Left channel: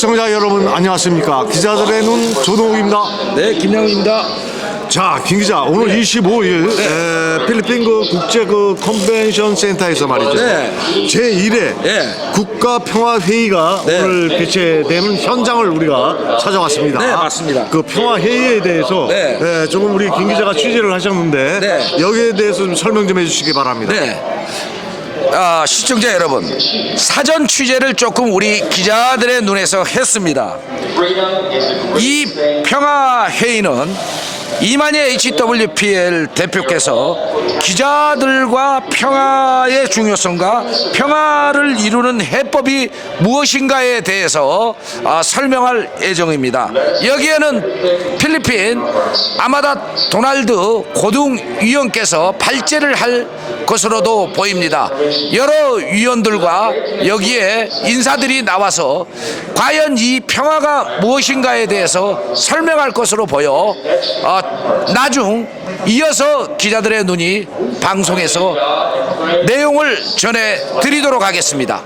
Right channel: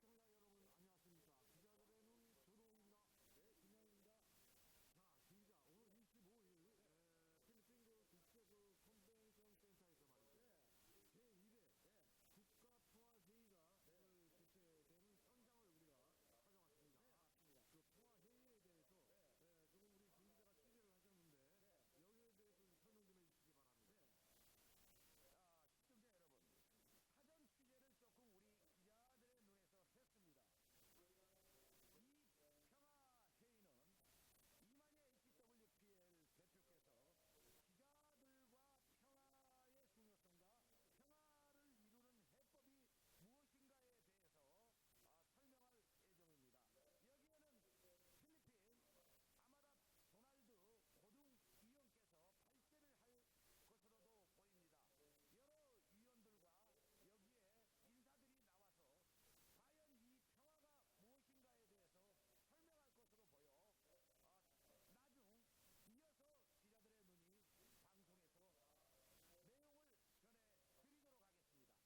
시청자 여러분 안녕하십니까 기자들의 눈 조동욱입니다 네, 김양훈입니다. 자김 기자 오늘 25일 에, 필리핀 그 국제 그 컨벤션 센터에서 말이죠 네. 제1회 네. 국가 평화 회의가 네. 오늘 개최되는 현장을 우리가 찾아왔습니다 네, 맞습니다. 그 평화 회의에 대해서 네. 에, 조금 우리 김 기자가 취재를 하셨는데 네. 여기에 대해서 좀 설명 좀 해주시기 바랍니다 네. 아, 시청자 여러분, 사전 취재를 조금 우리 기자들의 눈에서 했습니다. 이 평화 회의는 이만희 HWPL 대표께서 기자들과 평화의 중요성과 평화를 이루는 해법이 무엇인가에 대해서 아, 설명할 예정입니다. 여기에는 필리핀 아마다 도날드 고등위원께서 발제를 할 것으로도 보입니다. 여러 위원들과 여기에 인사들이 나와서 과연 이 평화가 무엇인가에 대해서 설명할 것으로 보여 어, 나중 이어서 기자들의 눈이 방송에서 내용을 전해 드리도록 하겠습니다.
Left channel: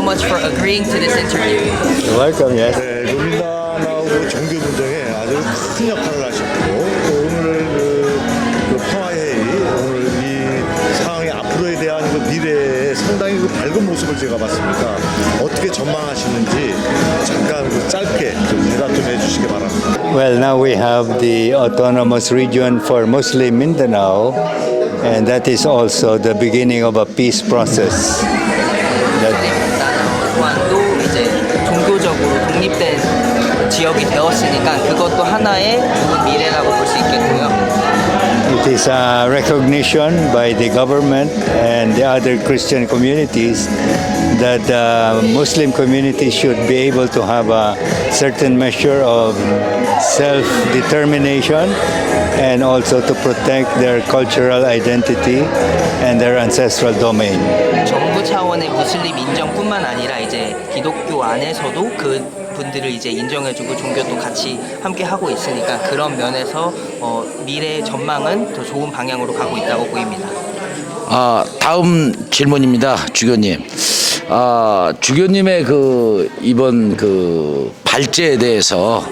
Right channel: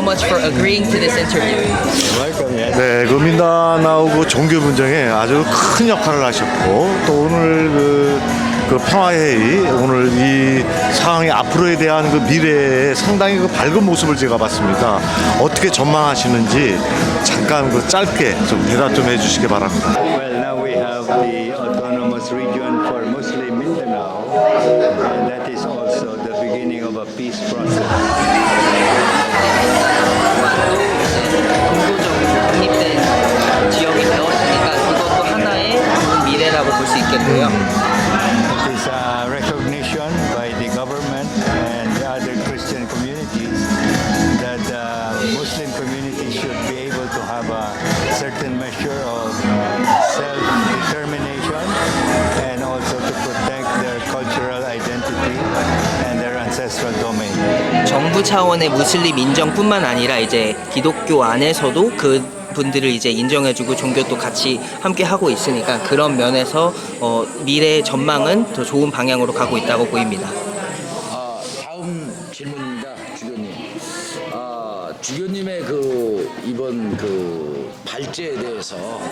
So much for agreeing to this interview. Welcome, yes. 네, 그 민다나오고 종교 분쟁에 아주 큰 역할을 하셨고 또 오늘 그, 그 평화회의 오늘 이 상황이 앞으로에 대한 그 미래에 상당히 그 밝은 모습을 제가 봤습니다. 어떻게 전망하시는지 잠깐 그 짧게 좀 대답 좀 해주시기 바랍니다. Well, now we have the autonomous region for Muslim Mindanao, and that is also the beginning of a peace process. 좋은 미래라고 볼 수 있겠고요. it is a recognition by the government and the other Christian communities that the Muslim community should be able to have a certain measure of self-determination and also to protect their cultural identity and their ancestral domain. 정부 차원의 무슬림 인정뿐만 아니라 이제 기독교 안에서도 그 분들을 이제 인정해주고 종교도 같이 함께 하고 있으니까 그런 면에서 어, 미래의 전망은 더 좋은 방향으로 가고 있다고 보입니다. 아, 다음 질문입니다, 주교님. 아, 주교님의 그 이번 그 발제에 대해서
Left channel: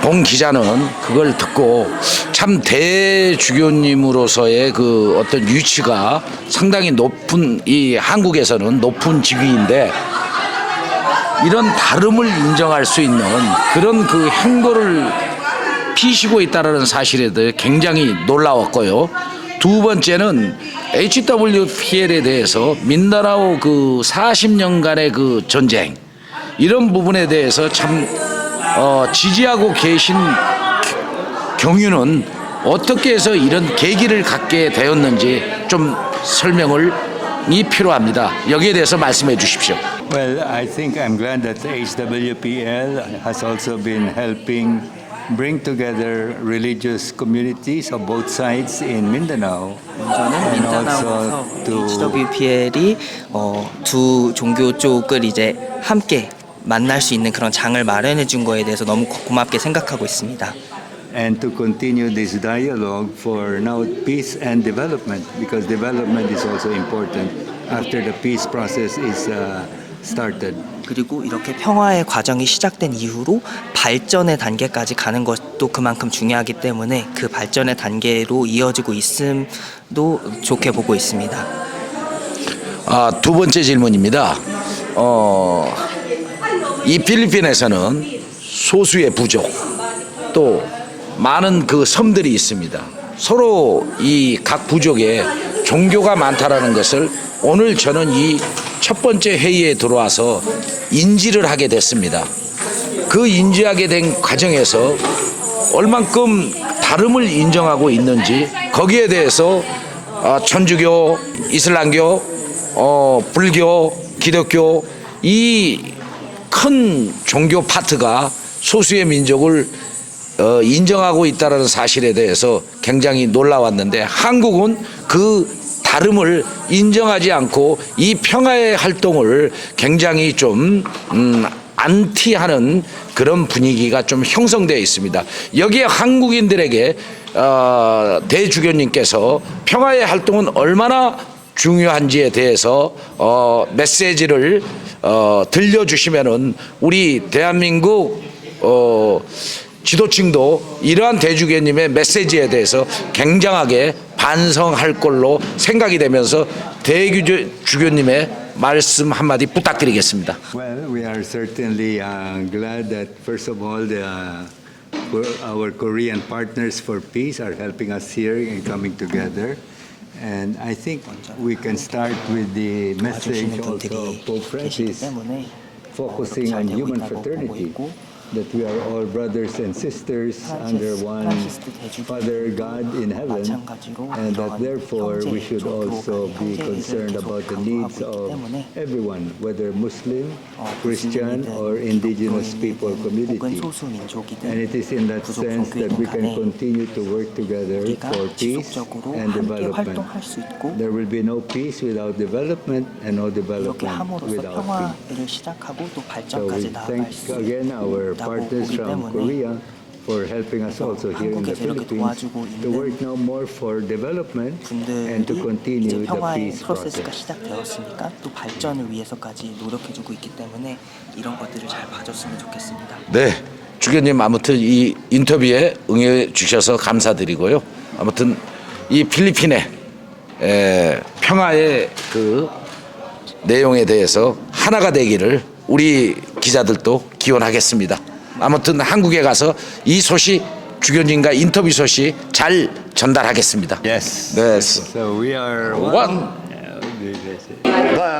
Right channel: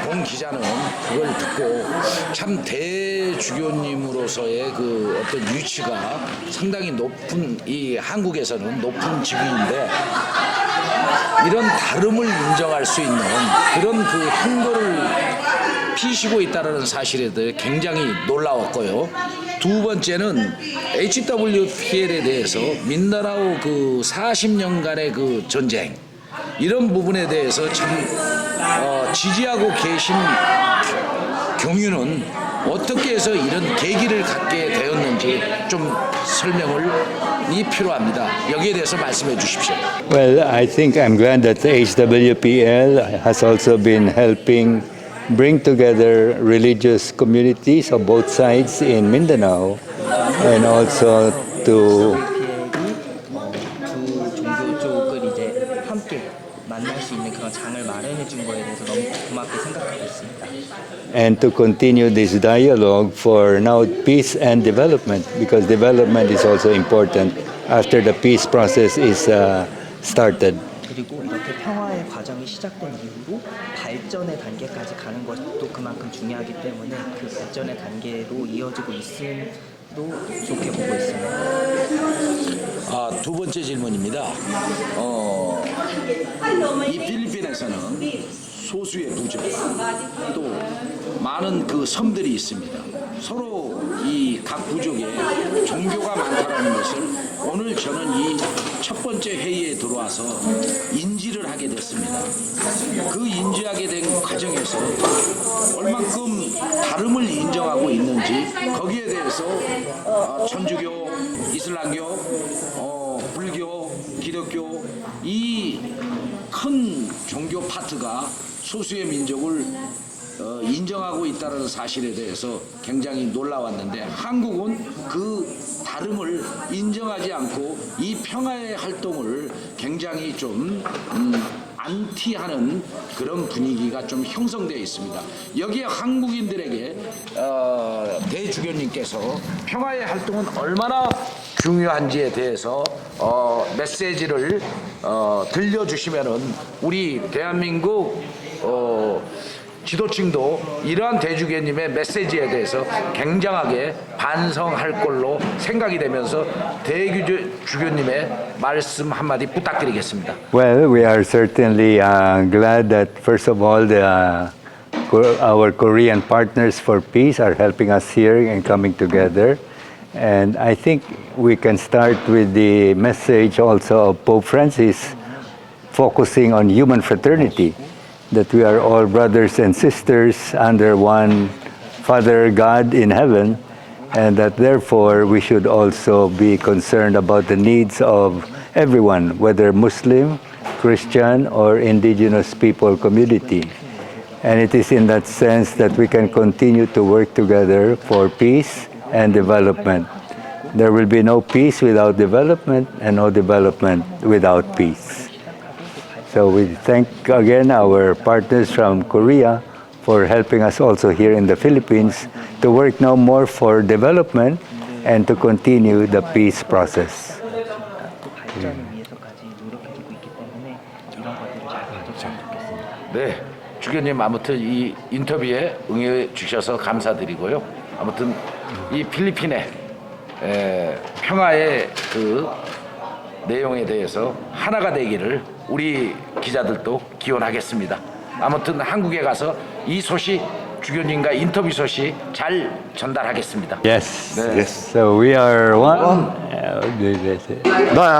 봉 기자는 그걸 듣고 참 대주교님으로서의 그 어떤 위치가 상당히 높은 이 한국에서는 높은 직위인데 이런 다름을 인정할 수 있는 그런 그 행보를 피시고 있다는 사실에 대해 굉장히 놀라웠고요. 두 번째는 HWPL에 대해서 민다나오 그 40년간의 그 전쟁 이런 부분에 대해서 참 어, 지지하고 계신 경유는 어떻게 해서 이런 계기를 갖게 되었는지 좀 설명을 이 필요합니다. 여기에 대해서 말씀해 주십시오. Well, I think I'm glad that HWPL has also been helping bring together religious communities of both sides in Mindanao and also to HWPL이 어, 두 종교 쪽을 이제 함께 만날 수 있는 그런 장을 마련해 준 거에 대해서 너무 고- 고맙게 생각하고 있습니다. And to continue this dialogue for now peace and development because development is also important after the peace process is uh, started. 그리고 이렇게 평화의 과정이 시작된 이후로 발전의 단계까지 가는 것도 그만큼 중요하기 때문에 그 발전의 단계로 이어지고 있음도 좋게 보고 있습니다. 아, 두 번째 질문입니다. 어, 이 필리핀에서는 소수의 부족 또 많은 그 섬들이 있습니다. 서로 이 각 부족에 종교가 많다라는 것을 오늘 저는 이 첫 번째 회의에 들어와서 인지를 하게 됐습니다. 그 인지하게 된 과정에서 얼만큼 다름을 인정하고 있는지 거기에 대해서 어, 천주교, 이슬람교, 어, 불교, 기독교 이 큰 종교 파트가 소수의 민족을 어, 인정하고 있다는 사실에 대해서 굉장히 놀라웠는데 한국은 그 다름을 인정하지 않고 이 평화의 활동을 굉장히 좀 음, 안티하는 그런 분위기가 좀 형성되어 있습니다. 여기에 한국인들에게 어, 대주교님께서 평화의 활동은 얼마나 중요한지에 대해서 어, 메시지를 어, 들려주시면은 우리 대한민국 어, 지도층도 이러한 대주교님의 메시지에 대해서 굉장하게 반성할 걸로 생각이 되면서 대주교님의 말씀 한마디 부탁드리겠습니다. Well, we are certainly uh, glad that first of all the uh, our Korean partners for peace are helping us here and coming together. And I think we can start with the message also of Pope Francis focusing on human fraternity, that we are all brothers and sisters under one Father God in heaven, and that therefore we should also be concerned about the needs of everyone, whether Muslim, Christian, or indigenous people community. And it is in that sense that we can continue to work together for peace and development. There will be no peace without development, and no development without peace. So we thank again our partners from Korea for helping us also here in the Philippines to work now more for development and to continue the peace process. 또 발전을 위해서까지 노력해주고 있기 때문에 이런 것들을 잘 봐줬으면 좋겠습니다. 네, 주교님 아무튼 이 인터뷰에 응해 주셔서 감사드리고요. 아무튼 이 필리핀의 에, 평화의 그 내용에 대해서 하나가 되기를 우리 기자들도 기원하겠습니다. 아무튼 한국에 가서 이 소식 주교님과 인터뷰 소식 잘 전달하겠습니다. Yes. Yes. So we are one. 네,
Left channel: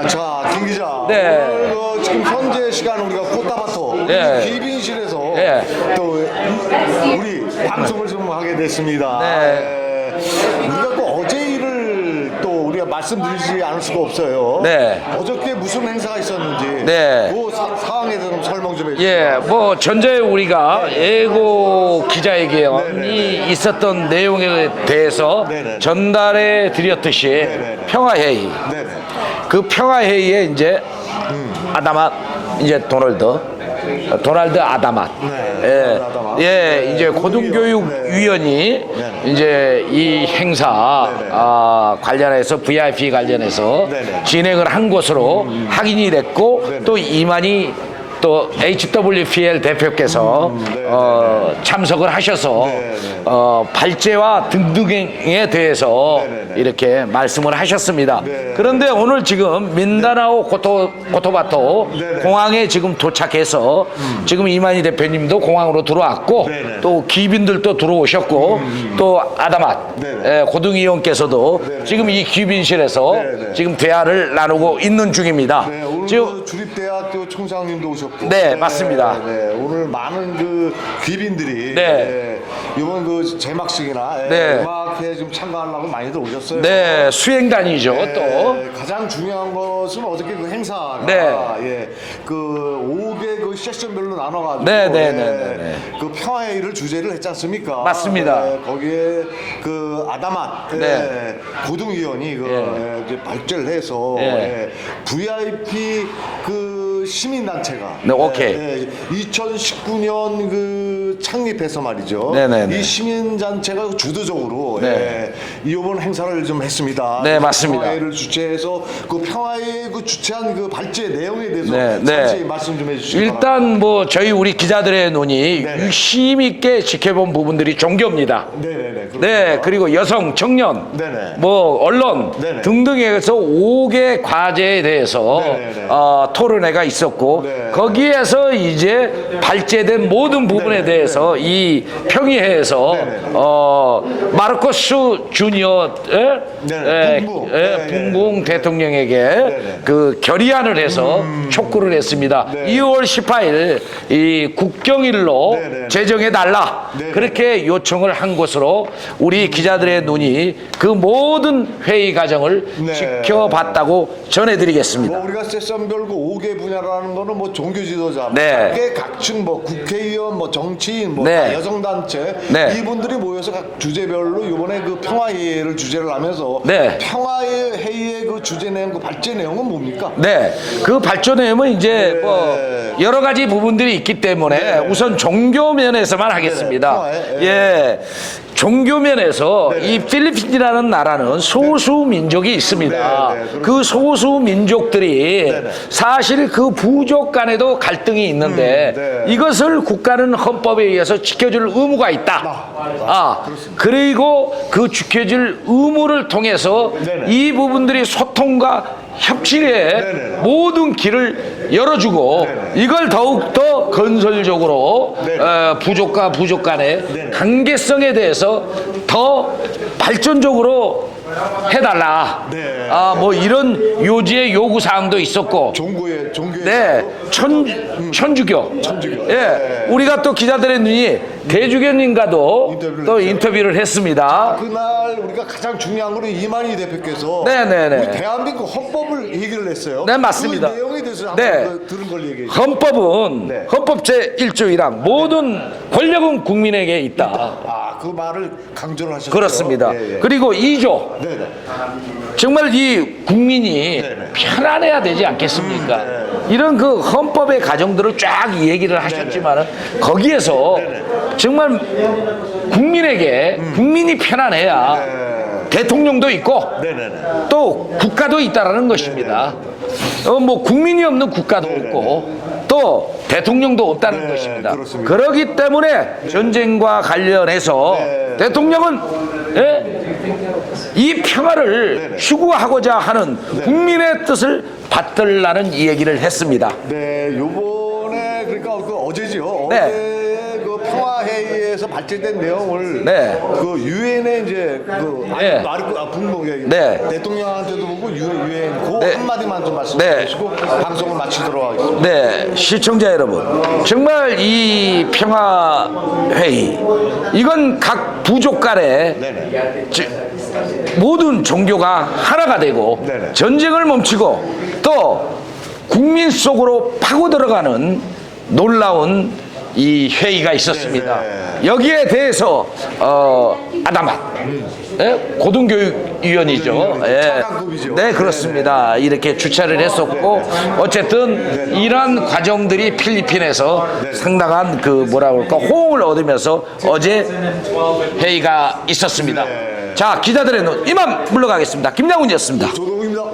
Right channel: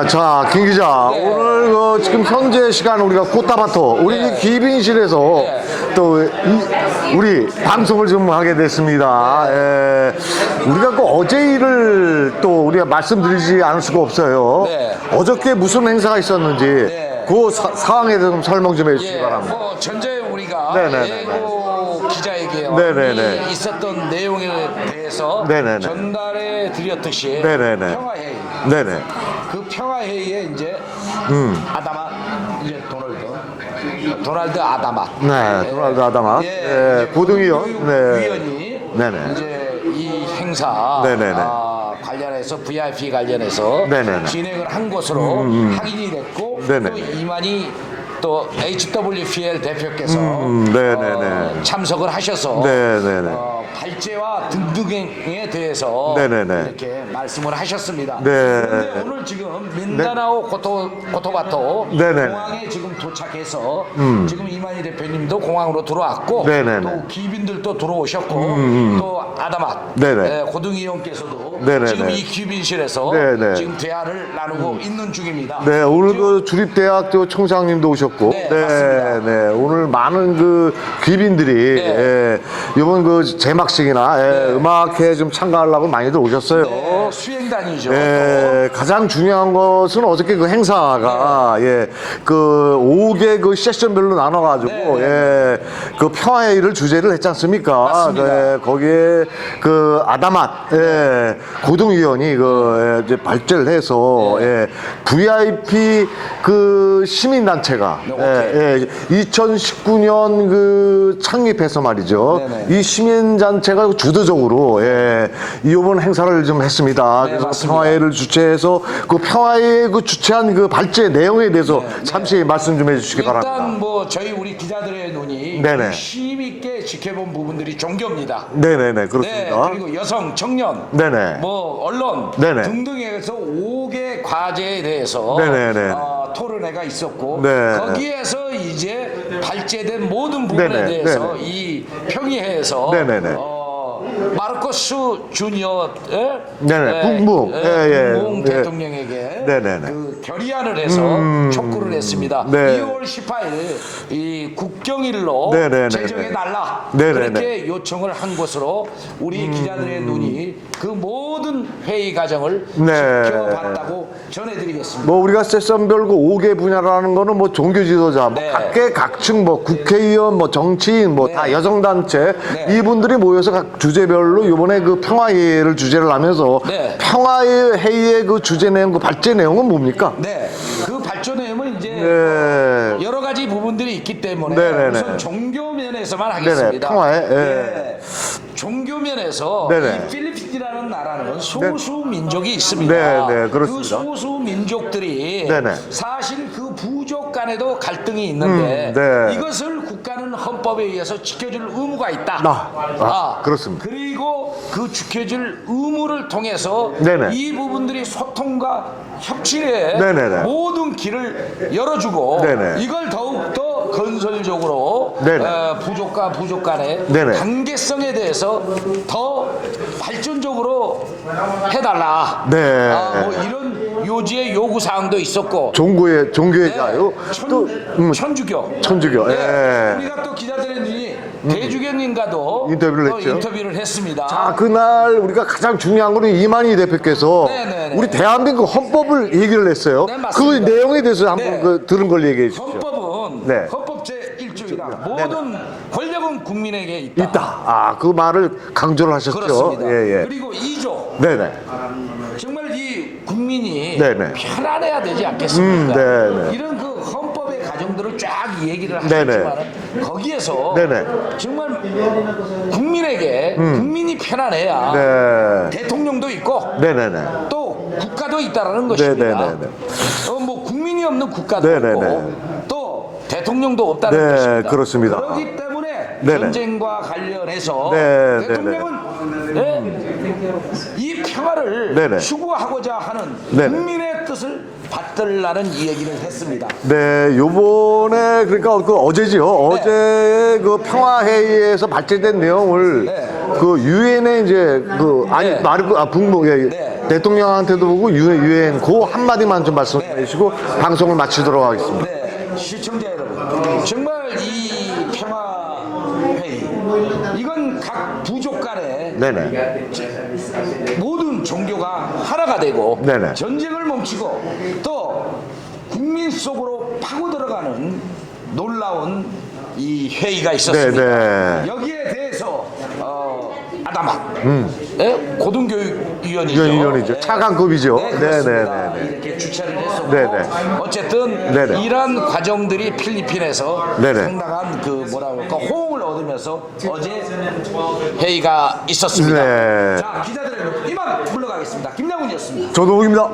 자, 김 기자. 네. 오늘 어, 지금 현재 시간 우리가 코타바토 우리 네. 기빙실에서 네. 또 이- 우리 방송을 좀 하게 됐습니다. 네. 예. 우리가 그 어제 우리가 말씀드리지 않을 수가 없어요. 네. 어저께 무슨 행사가 있었는지 네. 그 사- 상황에 대해서 좀 설명 좀 해주시기 예, 바랍니다. 뭐 전자에 우리가 네네. 예고 기자회견이 네네네. 있었던 내용에 대해서 네네네. 전달해 드렸듯이 네네네. 평화회의 네네. 그 평화회의에 이제 아다맛 이제 도널드 어, 도널드 아다맛 네, 도널드 아다맛. 예 네, 이제. 고등교육위원이 네네. 이제 이 행사 네네네. 아, 관련해서 VIP 관련해서 네네네. 진행을 한 것으로 확인이 됐고 네네. 또 이만희 또 HWPL 대표께서 네, 네, 어, 네. 참석을 하셔서 네, 네, 네. 어, 발제와 등등에 대해서 네, 네, 네. 이렇게 말씀을 하셨습니다. 네. 그런데 오늘 지금 민다나오 고토 고토바토 네, 네. 공항에 지금 도착해서 지금 이만희 대표님도 공항으로 들어왔고 네, 네, 네. 또 귀빈들도 들어오셨고 또 아다맛 네, 네. 예, 고등위원께서도 네, 네, 지금 네. 이 귀빈실에서 네, 네. 지금 대화를 나누고 있는 중입니다. 네, 오늘 지금 그 주립대학교 총장님도 오셨고. 네, 맞습니다. 네, 오늘 많은 그 귀빈들이 네. 예, 이번 그 제막식이나 예, 네. 음악회에 좀 참가하려고 많이들 오셨어요. 네, 수행단이죠. 또 예, 가장 중요한 것은 어저께 그 행사가 예, 그 5개 그 세션별로 나눠가지고 네, 네, 예, 네, 그 평화회의를 주제를 했지 않습니까? 맞습니다. 네, 거기에 그 아다맛 예, 네. 고등위원이 그 예, 이제 발제를 해서 네. 예, VIP 그 시민단체가 네, 오케이. 예, 예, 2019년 그 창립해서 말이죠. 네, 네, 네. 이 시민단체가 주도적으로 예, 이번 행사를 좀 했습니다. 네, 그래서 맞습니다. 평화회를 주최해서 그 평화회 그 주최한 그 발제 내용에 대해서 네, 네. 잠시 말씀 좀 해주시기 바랍니다. 일단 뭐 저희 우리 기자들의 눈이 네네. 유심 있게 지켜본 부분들이 종교입니다. 네네네 그렇습니다. 네, 그리고 여성, 청년, 네네. 뭐 언론 네네. 등등에서 5개 과제에 대해서 네네네. 어, 토론회가 있었고 네. 거기에서 이제 발제된 모든 부분에 네네. 대해서 이 평의회에서 네네네. 어, 마르코스 주니어 예? 네네. 예, 예, 예. 붕붕 예. 대통령에게 네네네. 그 결의안을 해서 촉구를 했습니다. 네. 2월 18일 이 국경일로 네네네. 제정해 달라 네네네. 그렇게 요청을 한 것으로 우리 기자들의 눈이 그 모든 회의 과정을 네. 지켜봤다고 전해드리겠습니다. 뭐 우리가 세션별 그 5개 분야 라는 거는 뭐 종교 지도자, 뭐 네. 각계 각층 뭐 국회의원, 뭐 정치인, 뭐 네. 다 여성 단체 네. 이분들이 모여서 각 주제별로 이번에 그 평화회의를 주제를 하면서 네. 평화회 회의의 그 주제 내용, 그 발제 내용은 뭡니까? 네, 그 발전 내용은 이제 네. 뭐 여러 가지 부분들이 있기 때문에 네네네. 우선 종교 면에서만 하겠습니다. 평화에, 예. 예, 종교 면에서 네네. 이 필리핀이라는 나라는 소수 민족이 있습니다. 네, 네, 그렇습니다. 그 소수 민족들이 네네. 사실 그 부족 간에도 갈등이 있는데 음, 네. 이것을 국가는 헌법에 의해서 지켜줄 의무가 있다. 아, 아, 그렇습니다. 그리고 그 지켜줄 의무를 통해서 네네. 이 부분들이 소통과 협치에 네네네. 모든 길을 열어주고 네네. 이걸 더욱 더 건설적으로 네네. 어, 부족과 부족 간의 네네. 관계성에 대해서 더 발전적으로 해달라. 네. 아, 뭐 이런 요지의 요구 사항도 있었고. 종교의 종교의 네, 자유, 천, 또, 음, 천주교. 천주교. 예. 예. 우리가 또 기자들의 눈이 대주교님과도 인터뷰를 또 했죠. 인터뷰를 했습니다. 아, 그날 우리가 가장 중요한 거는 이만희 대표께서 네네네. 우리 대한민국 헌법 을 얘기를 했어요. 네, 맞습니다. 그 내용에 대해서 한번 네. 그 들은 걸 얘기해 주세요. 헌법은 네. 헌법 제 1조이라 모든 권력은 국민에게 있다. 있다. 아, 그 말을 강조를 하셨죠. 그렇습니다. 예, 예. 그리고 2조 네네. 정말 이 국민이 네네. 편안해야 되지 않겠습니까? 음, 네네. 이런 그 헌법의 가정들을 쫙 얘기를 하셨지만은 거기에서 네네. 정말 국민에게 국민이 편안해야 네. 대통령도 있고. 또 국가도 있다라는 것입니다. 어, 뭐 국민이 없는 국가도. 없고 또 대통령도 없다는 네, 것입니다. 그렇습니다. 그렇기 때문에 전쟁과 관련해서 네, 대통령은 예? 이 평화를 네네. 추구하고자 하는 네. 국민의 뜻을 받들라는 이 얘기를 했습니다. 네, 요번 에 그러니까 그 어제지요. 네. 어제 그 평화회의에서 발제된 내용을 네. 그 유엔에 이제 그 아니 네. 마르크 아 북목에 네. 대통령한테도 보고 유엔 유엔 그 네. 한마디만 좀 말씀해 네. 주시고 방송을 마치도록 하겠습니다. 네, 시청자 여러분. 정말 이 평화회의, 이건 각 부족 간에 네네. 지- 모든 종교가 하나가 되고 네네. 전쟁을 멈추고 또 국민 속으로 파고 들어가는 놀라운 이 회의가 있었습니다. 네네. 여기에 대해서 어, 아다마 예? 고등교육위원이죠. 위원이죠. 예. 차관급이죠. 네 그렇습니다. 네네. 이렇게 주최를 했었고 네네. 어쨌든 네네. 이러한 과정들이 필리핀에서 네네. 상당한 그 뭐라 그럴까 호응을 얻으면서 어제 회의가 있었습니다. 네. 자 기자들의 눈 이만 물러가겠습니다. 김양훈이었습니다. 조동욱입니다.